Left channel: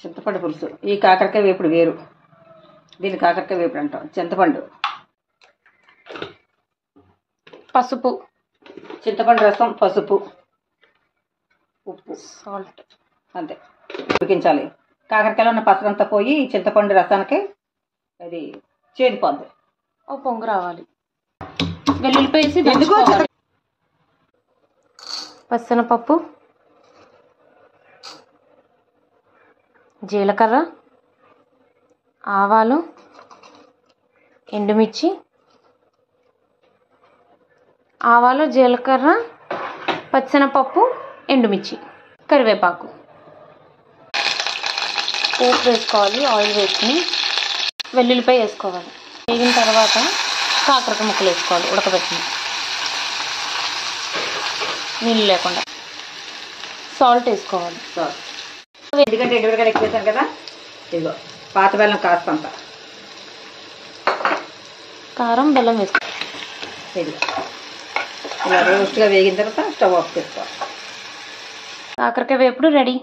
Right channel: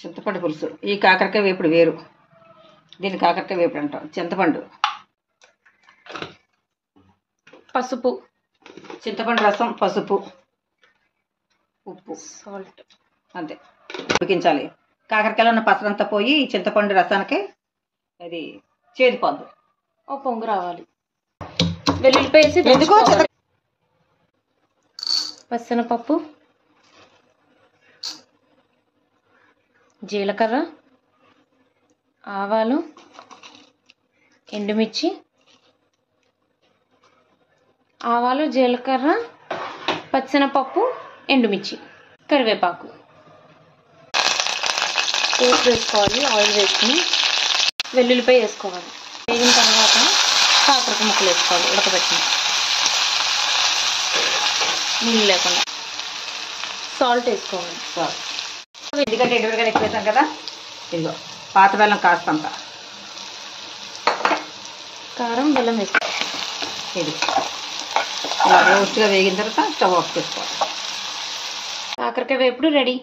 చింతపండు పులుసు. ఈ కాకరకాయ వేపుడు వేరు, దీన్ని కాకరకాయ వేపుడు అంటాం. చింతపండు, పసుపు, చింతపండు రసం, పసుపు, ఉప్పు, సాల్ట్, అంతే. ఉడికించాలి. కాకరకాయలో ఉన్న పసరంతా పోయి చింతపండు రసానికి అది చేదిపోద్ది. ఓ పొంగు రావాలి. వెల్లుల్లిపాయ వేసి పచ్చనపప్పు, జీలకర్ర, ఆవాలు, ఎండుమిర్చి, ఆవాలు, జీలకర్ర, పచ్చనపప్పు, ఎండుమిర్చి, కరివేపాకు, పోపు వేసుకోవాలి. ఆయిల్ వేసుకుని వెల్లుల్లిపాయ వేసుకోవాలి. వేగిన తర్వాత కాకరకాయ ముక్కలు వేసుకోవాలి. ఉడకబెట్టిన నీళ్ళు లేకుండా. సాల్ట్ వేసుకోవాలి. ఎందుకంటే ఎండుమిరకాయలు ఎక్కువ వేసాం కదా. ఇదిగో పాత బెల్లం కాస్తంత, కారం, బెల్లం వేసుకోవాలి. ఇది ఇలా రోస్ట్గా వేగిన తర్వాత స్టవ్ ఆఫ్ చేసుకోవాలి. కాకరకాయ వేపుడు రెడీ.